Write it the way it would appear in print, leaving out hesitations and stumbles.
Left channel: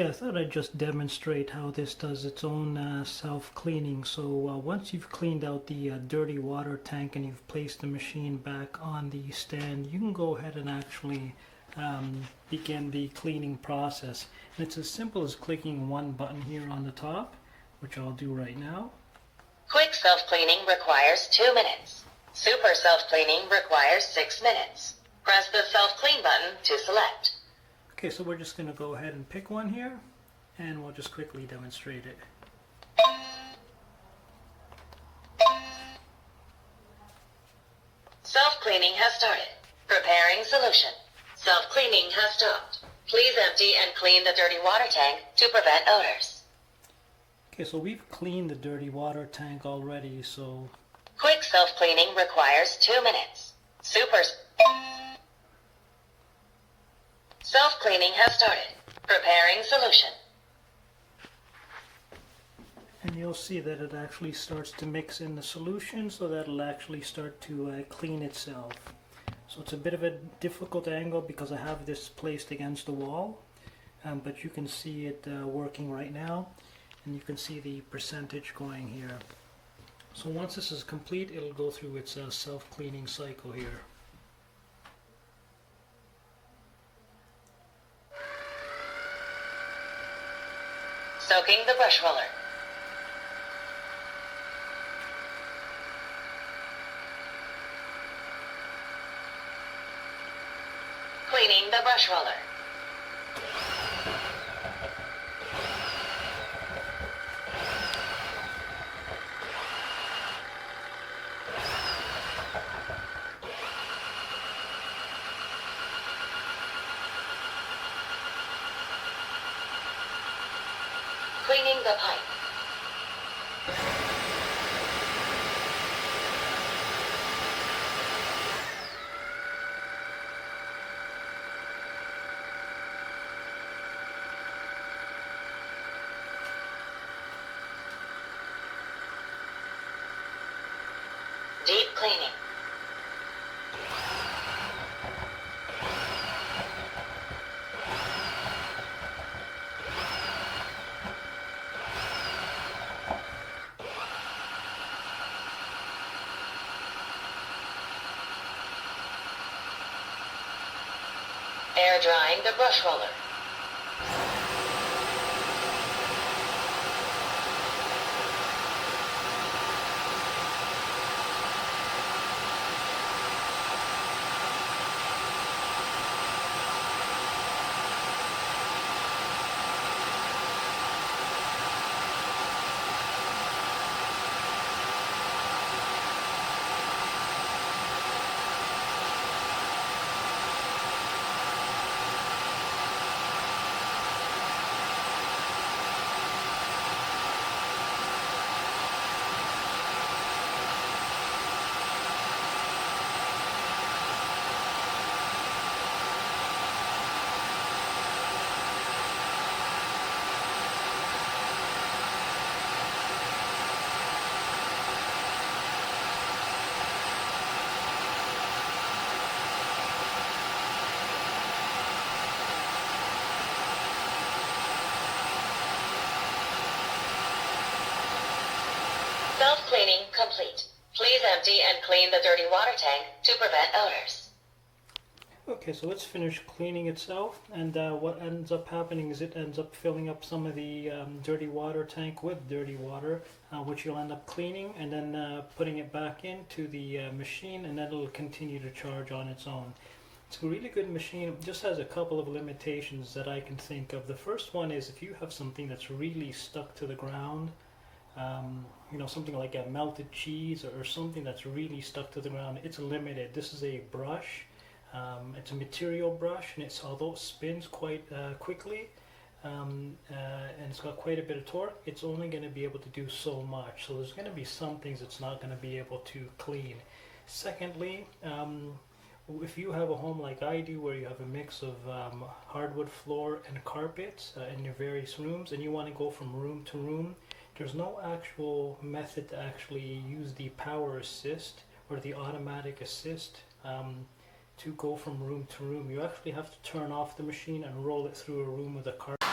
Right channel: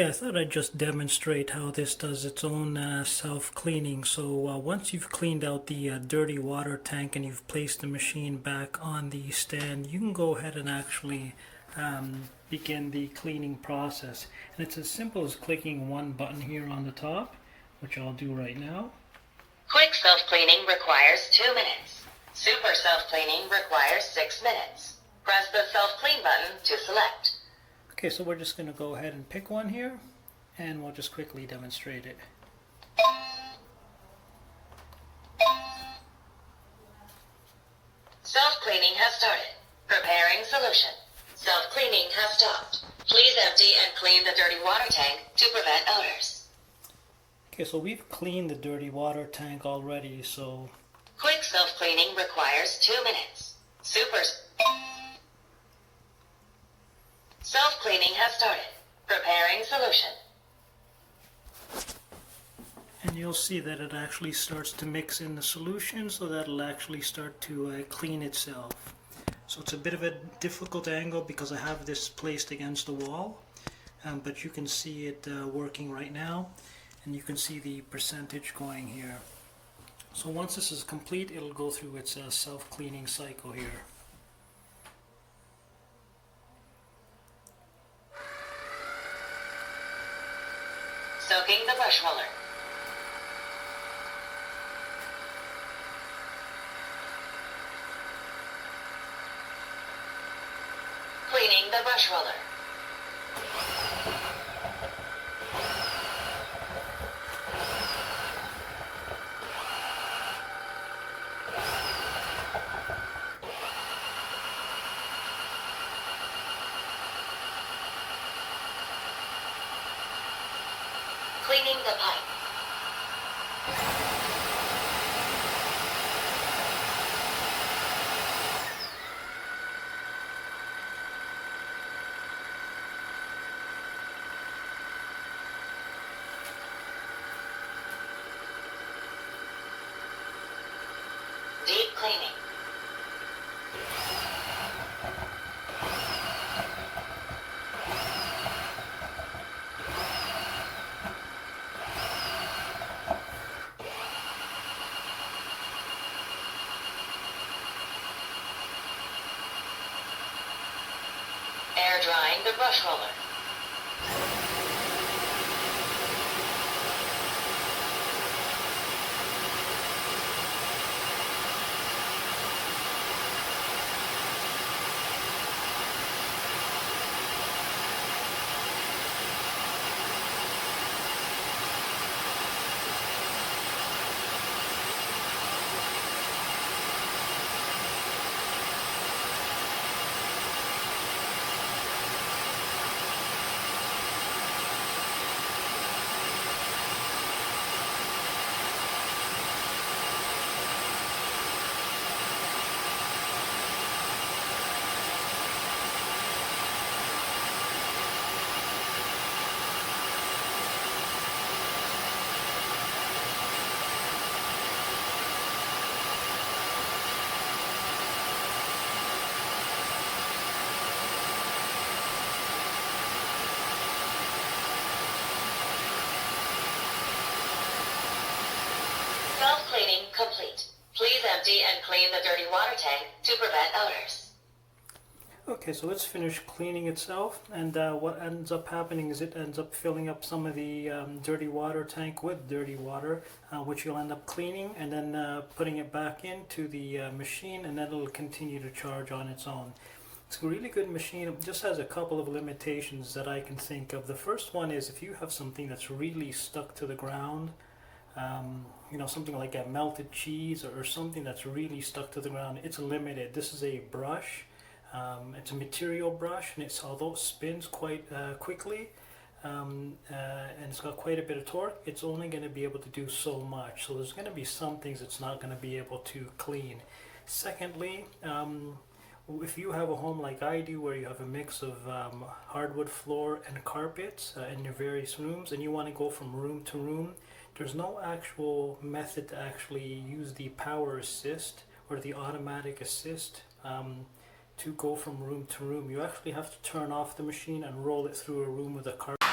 Okay, I thought I'd just demonstrate how this does its own self-cleaning. So once you've cleaned out the dirty water tank and you've placed the machine back on the stand, you can go ahead and actually begin the cleaning process. And it's as simple as clicking one button here on the top, which I'll do right now. Quick self-cleaning requires 2 minutes. Super self-cleaning requires 6 minutes. Press the self-clean button to select. Okay, so we're just going to go ahead and pick one here, and we'll just quickly demonstrate it. Self-cleaning has started. Preparing solution. Self-cleaning has stopped. Please empty and clean the dirty water tank to prevent odors. Okay, so we've cleaned the dirty water tank already, so... Quick self-cleaning requires 2 minutes. Super self-cleaning has started. Preparing solution. And you'll see that it actually starts to mix in the solution, so that'll actually start to clean itself. So it's a bit of a difficult angle because I have this placed against the wall, but you can see it working right now, and you can see the percentage going here. So once this is complete, it'll go through its self-cleaning cycle here. Soaking the brush roller. Cleaning the brush roller. Cleaning the pipe. Deep cleaning. Air drying the brush roller. Self-cleaning complete. Please empty and clean the dirty water tank to prevent odors. Okay, so it's finished cleaning itself, and what ends up happening is it ends up filling up some of the dirty water tank with dirty water, which you'll end up cleaning and then putting it back into the machine, and then it'll continue to charge on its own. It's a really good machine. It just has a couple of limitations that I can think of. The first one is if you have something that's really stuck to the ground, you know, something like a melted cheese or something that's really stuck to the ground, it's limited. This is a brush. It's a material brush, and although it spins quite quickly, and it's got quite a bit of torque, it's only going to be able to do so much. So there's going to be some things it's not going to be able to clean. Secondly, if you have a home like I do, where you have a mix of hardwood floor and carpets in your various rooms, and you want to go from room to room, there's no actual method to actually use the power assist or the automatic assist to go from room to room. You actually have to turn off the machine and roll it through a room with a carpet.